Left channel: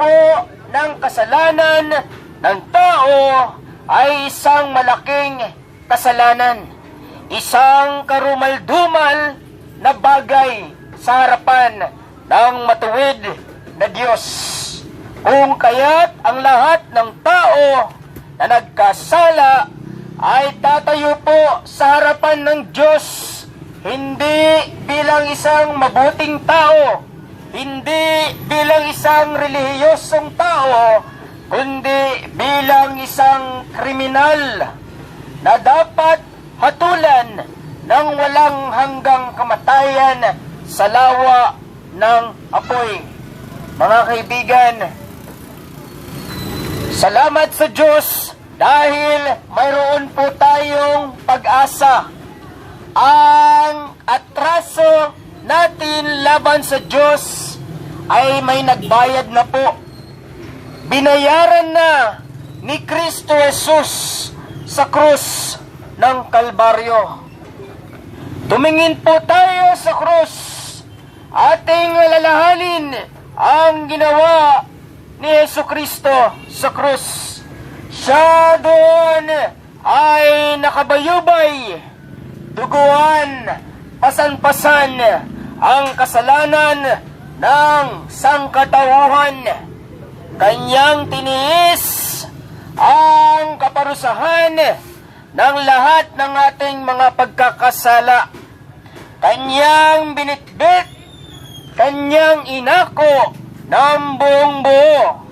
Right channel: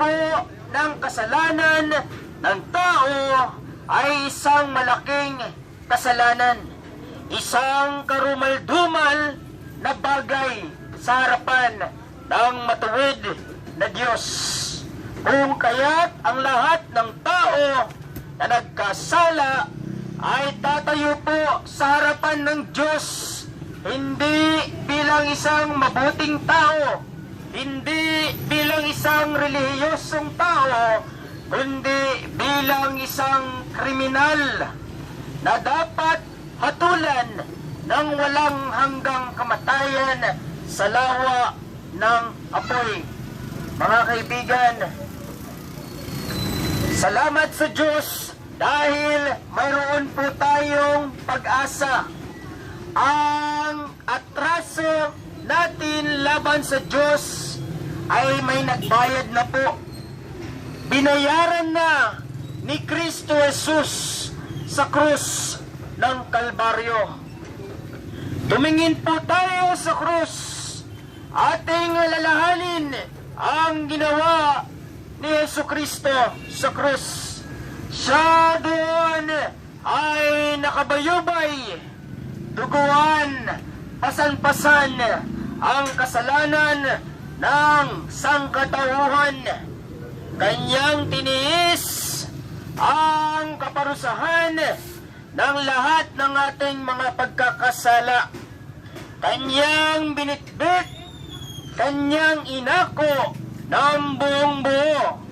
po ng kasalanan ng tao ay isang malaking kasalanan. Isang karumal-dumal na bagay sa harapan ng matuwid na Diyos. Kung kaya't ang lahat ng tao na nagkasala ay tatayo po sa harapan ng Diyos, hindi bilang isang mabuting tao, hindi bilang isang relihiyosong tao, kundi bilang isang kriminal na dapat hatulan ng walang hanggang kamatayan sa lawa ng apoy. Mga kaibigan, salamat sa Diyos dahil mayroon po tayong pag-asa. Ang atraso natin laban sa Diyos ay may nagbayad na po. Binayaran na ni Kristo Jesus sa krus ng Kalbaryo. Tumingin po tayo sa krus. Ating alalahanin ang ginawa ni Jesucristo sa krus. Siya doon ay nakabayubay, duguan, pasan-pasan ang kasalanan ng sangkatauhan. Kanyang tiniis ang kaparusahan ng lahat ng ating mga pagkakasala. Kanyang binitbit, kanyang inako ng buong buo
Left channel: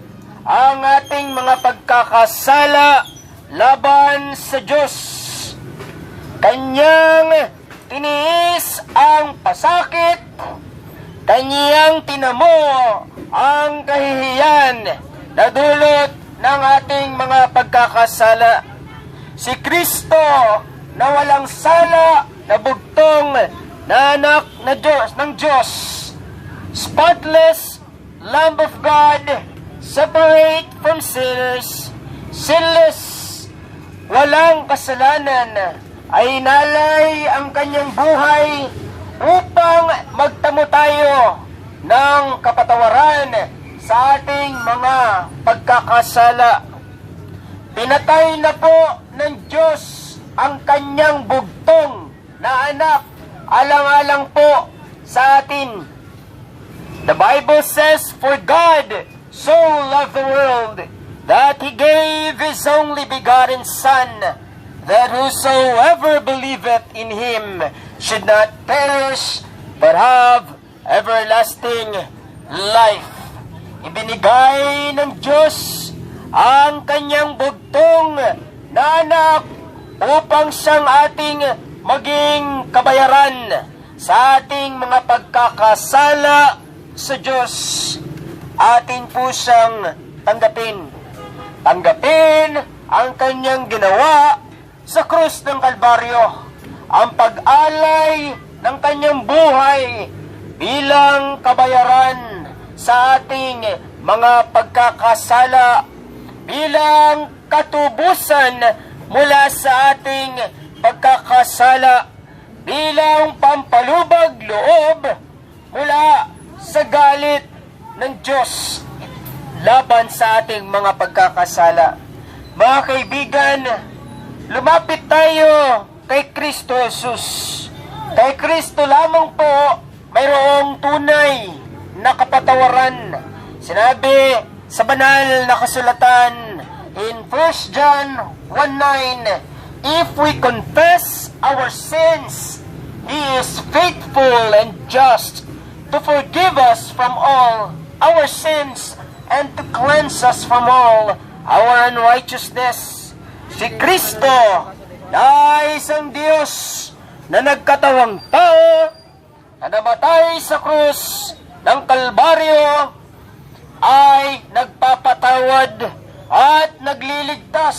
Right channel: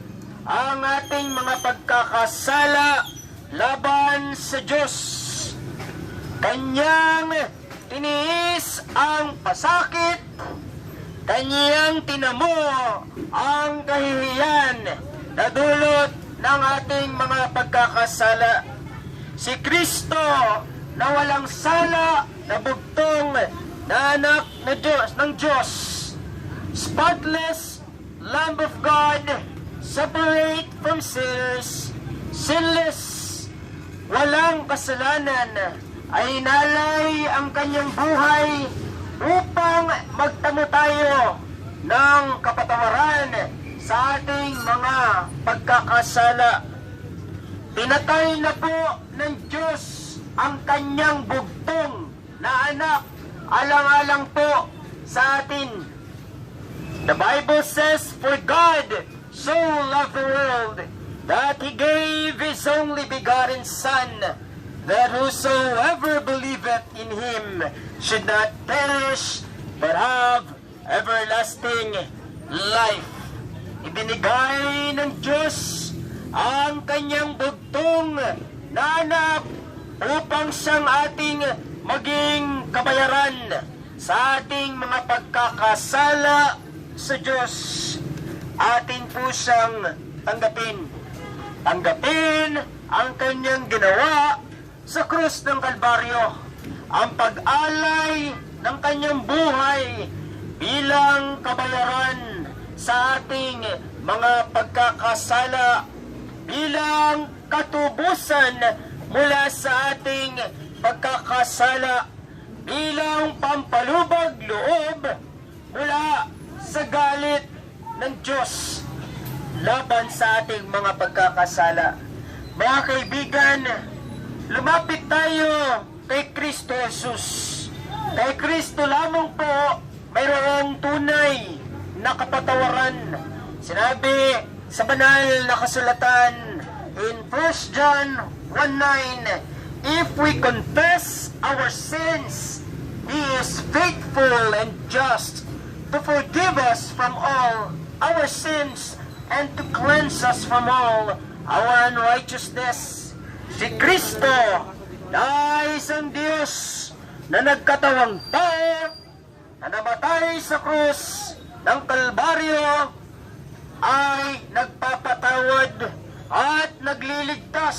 ang ating mga pagkakasala laban sa Diyos. Kanyang tiniis ang pasakit, kanyang tinamo ang kahihiyan na dulot ng ating mga pagkakasala. Si Kristo na walang sala, na bugtong, na anak na Diyos, ng Diyos, spotless Lamb of God, separate from sinners, sinless, walang kasalanan, ay inalay ang kanyang buhay upang magtamo tayo ng kapatawaran sa ating mga pagkakasala. Pinatay na po ng Diyos ang kanyang bugtong na anak, alang-alang po sa atin. The Bible says, "For God so loved the world, that He gave His only begotten Son, that whosoever believeth in Him should not perish, but have everlasting life." Ibinigay ng Diyos ang kanyang bugtong na anak upang siyang ating maging kabayaran sa ating mga pagkakasala sa Diyos. Atin po siyang tanggapin. Tanggapin ang kanyang ginawa sa krus ng Kalbaryo. Ang pag-alay ng kanyang buhay bilang kabayaran sa ating mga pagkakasala, bilang katubusan mula sa ating pagkakasala, bilang pampalubag loob mula sa galit ng Diyos laban sa ating mga pagkakasala. Mga kaibigan, lumapit tayo kay Kristo Jesus. Kay Kristo lamang po mayroong tunay na kapatawaran. Sinabi sa banal na kasulatan in 1 John 1:9, "If we confess our sins, He is faithful and just to forgive us from all our sins and to cleanse us from all our unrighteousness." Si Kristo na isang Diyos na nagkatawang tao, na namatay sa krus ng Kalbaryo, ay nagpapatawad at nagliligtas.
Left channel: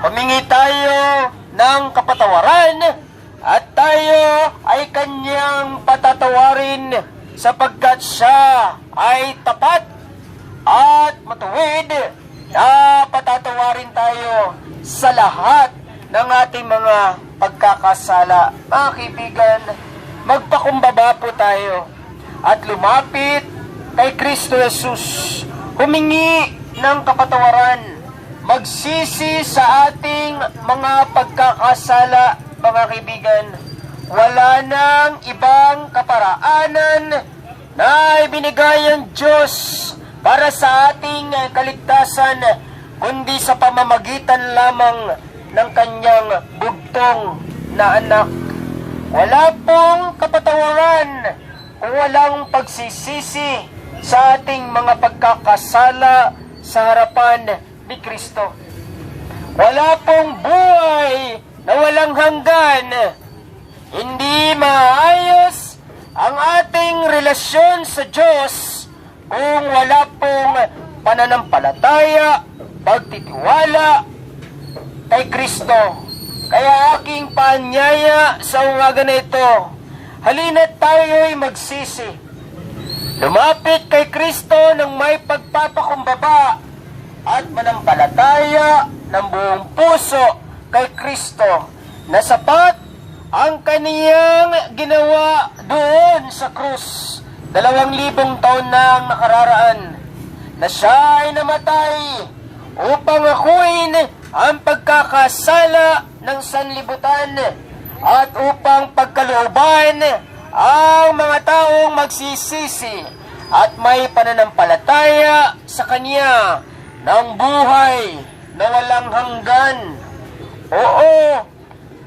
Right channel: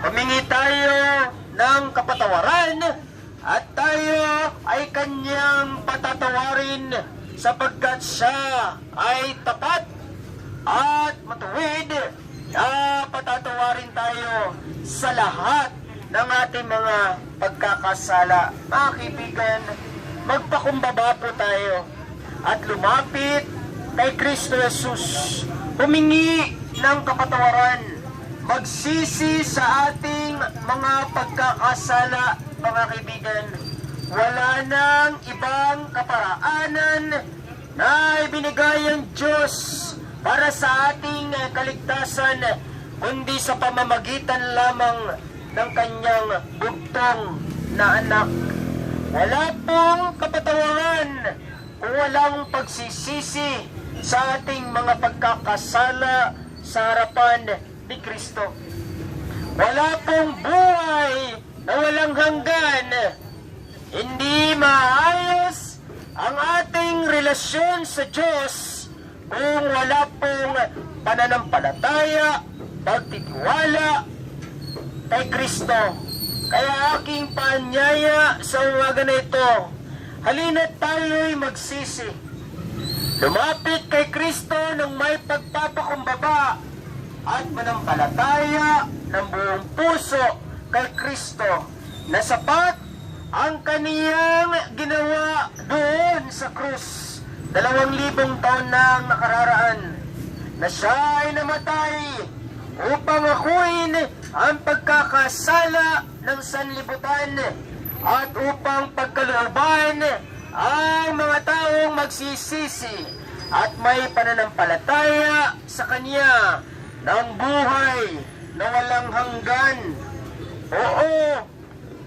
Humingi tayo ng kapatawaran at tayo ay kanyang patatawarin sapagkat siya ay tapat at matuwid na patatawarin tayo sa lahat ng ating mga pagkakasala. Mga kaibigan, magpakumbaba po tayo at lumapit kay Kristo Jesus humingi ng kapatawaran, magsisi sa ating mga pagkakasala, mga kaibigan. Wala nang ibang kaparaanan na ibinigay ang Diyos para sa ating kaligtasan, kundi sa pamamagitan lamang ng kanyang bugtong na anak. Wala pong kapatawaran kung walang pagsisisi sa ating mga pagkakasala sa harapan ni Kristo. Wala pong buhay na walang hanggan. Hindi maayos ang ating relasyon sa Diyos kung wala pong pananampalataya, pagtitiwala kay Kristo. Kaya aking paanyaya sa umaga na ito, halina't tayo'y magsisi. Lumapit kay Kristo ng may pagpapakumbaba at manampalataya ng buong puso kay Kristo na sapat ang kaniyang ginawa doon sa krus 2,000 taon na ang nakararaan, na siya ay namatay upang akuin ang pagkakasala ng sanlibutan at upang pagkalooban ang mga taong magsisisi at may pananampalataya sa Kanya ng buhay na walang hanggan. Oo,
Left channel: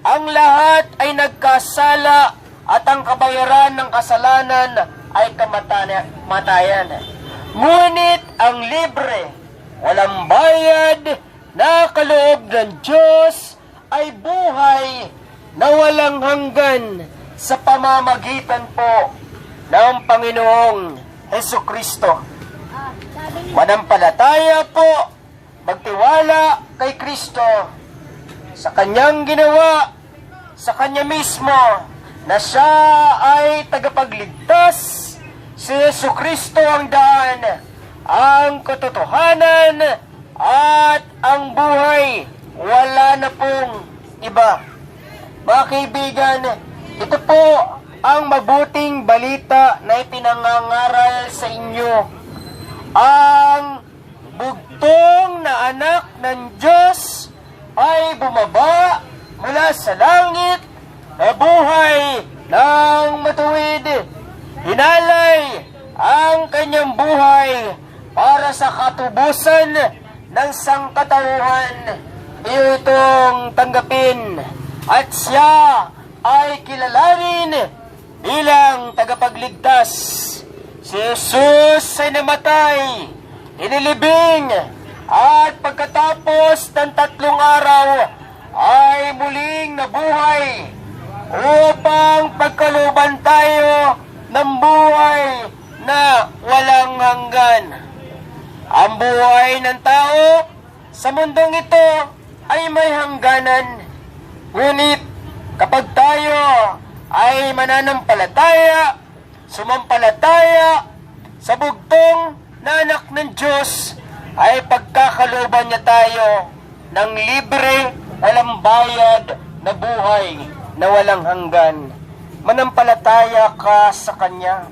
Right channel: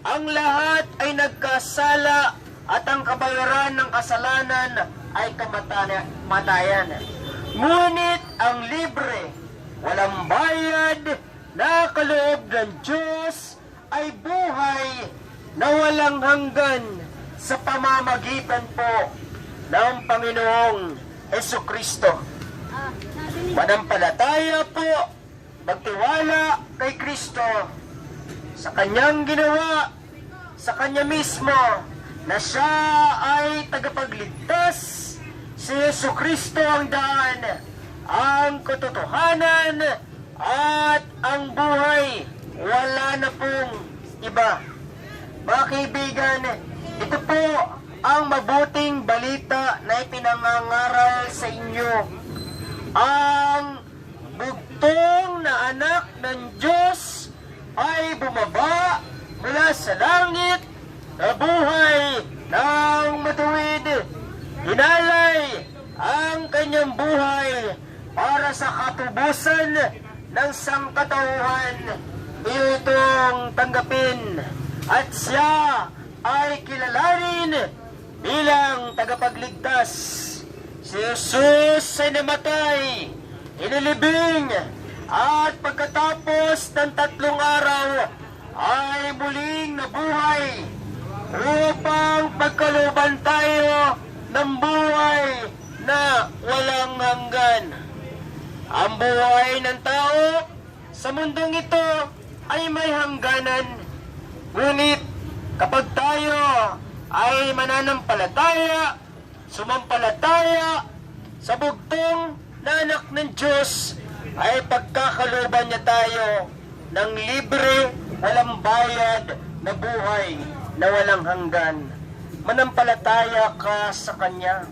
ang lahat ay nagkasala at ang kabayaran ng kasalanan ay kamatayan. Ngunit ang libre, walang bayad na kaloob ng Diyos ay buhay na walang hanggan sa pamamagitan po ng Panginoong Hesukristo. Manampalataya po, magtiwala kay Kristo sa Kanyang ginawa, sa Kanya mismo, na Siya ay tagapagligtas. Si Hesukristo ang daan, ang katotohanan, at ang buhay. Wala na pong iba. Mga kaibigan, ito po ang mabuting balita na ipinangangaral sa inyo. Ang bugtong na anak ng Diyos ay bumaba mula sa langit na buhay ng matuwid. Hinalay ang kanyang buhay para sa katubusan ng sangkatauhan. Iyo itong tanggapin at siya ay kilalanin bilang tagapagligtas. Si Jesus ay namatay, inilibing, at pagkatapos ng 3 araw ay muling nabuhay upang pagkalooban tayo ng buhay na walang hanggan. Ang buhay ng tao sa mundong ito ay may hangganan. Ngunit kapag tayo ay mananampalataya, sumampalataya sa bugtong na anak ng Diyos, ay pagkakalooban niya tayo ng libre, walang bayad na buhay na walang hanggan. Manampalataya ka sa Kanya.